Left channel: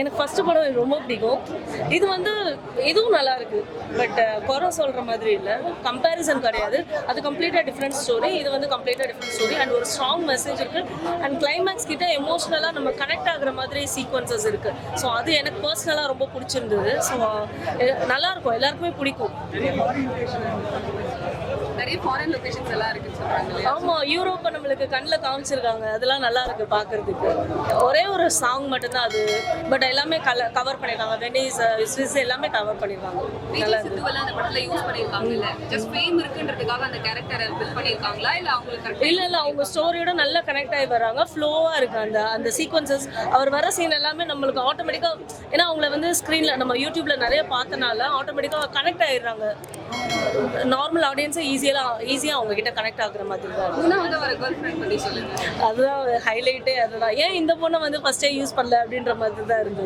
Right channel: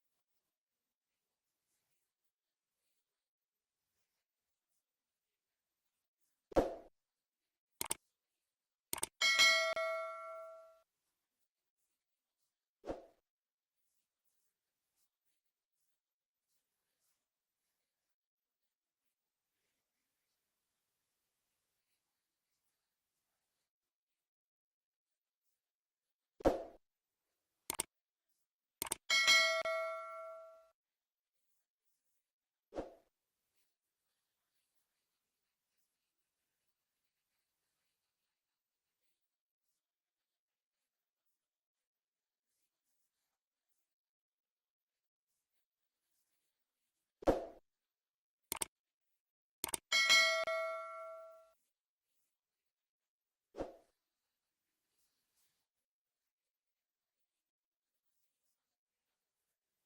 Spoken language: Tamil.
எனக்கு ஃபர்ஸ்ட் படம் ரொம்ப பிடிக்கும். இது வந்து இதுவும் நல்லா இருக்கு. பட் குறை சொல்ற மாதிரி இல்லை, கம்பேரிசன் கிடையாது. அது கம்ப்ளீட்டாக டிஃப்ரெண்ட் ஸ்டோரி, இது வந்து கம்ப்ளீட்டாக டிஃப்ரெண்ட் ஸ்டோரி. அண்ட் ஒரு ஸ்ட்ராங் மெசேஜ் இருக்கு. அண்ட் கிளைமேக்ஸ் கிட்ட எமோஷ்னலாக நம்ம கனெக்ட் ஆகுற மாதிரி சீக்வன்சஸ் இருக்கு. ஸோ அது எனக்கு பர்சனலாக ரொம்ப பிடிச்சிருந்தது. ஸோ நல்லா இருக்கும், எல்லாருக்குமே பிடிக்கும். நிறைய ஃபாரின் லொகேஷன்ஸ் எல்லாம் இருக்குன்னு சொல்றாங்க. ஆமா, யூரோப்பை நம்மளுக்கு கண்ணில் காமிச்சிருக்காங்க. அதெல்லாம் நல்லா இருக்கு பார்க்கறதுக்கு. ஒரே ஒரு சாங் மட்டும்தான் அது, பட் எல்லாமே கவர் பண்ணிருக்காங்க. வெனிஸ், ஸ்விஸ் எல்லாமே கவர் பண்ணிருக்காங்க. நல்லா இருக்கு. அந்த படத்துல யூஸ் பண்ணிருக்காங்க இல்ல, ஜஸ்ட் ஃபேம் இருக்குன்றதுக்காக அந்த கேரக்டரை பில்ட் பண்ணிருக்காங்களா இல்ல அவங்களுக்கு கரெக்ட்? இல்ல அவங்க ஸ்டோரியோட நல்லா கனெக்ட் ஆகி வராங்க. ஃப்ளோவா இருக்கு அந்த சீக்வன்சஸ். அவர் வர சீன் எல்லாமே நம்மளுக்கு ஆட்டோமேட்டிக்கா, ஏன்னா அவங்கள வந்து ஸ்க்ரீன்ல நம்ம யூடியூப்ல நிறைய பார்த்தனால ஆட்டோமேட்டிக்கா கனெக்ட் ஆயிடுறாங்க. நார்மல் ஆடியன்ஸை ஈஸியாக அவங்க கிட்ட கனெக்ட் ஆகுற மாதிரி தான். அதுதான் ஹைலைட்டே. அதுதான் ஏன் இந்த பொண்ணை வந்து ஃபர்ஸ்டே யூஸ் பண்ணல அப்படின்ற மாதிரி தான் இருந்தது.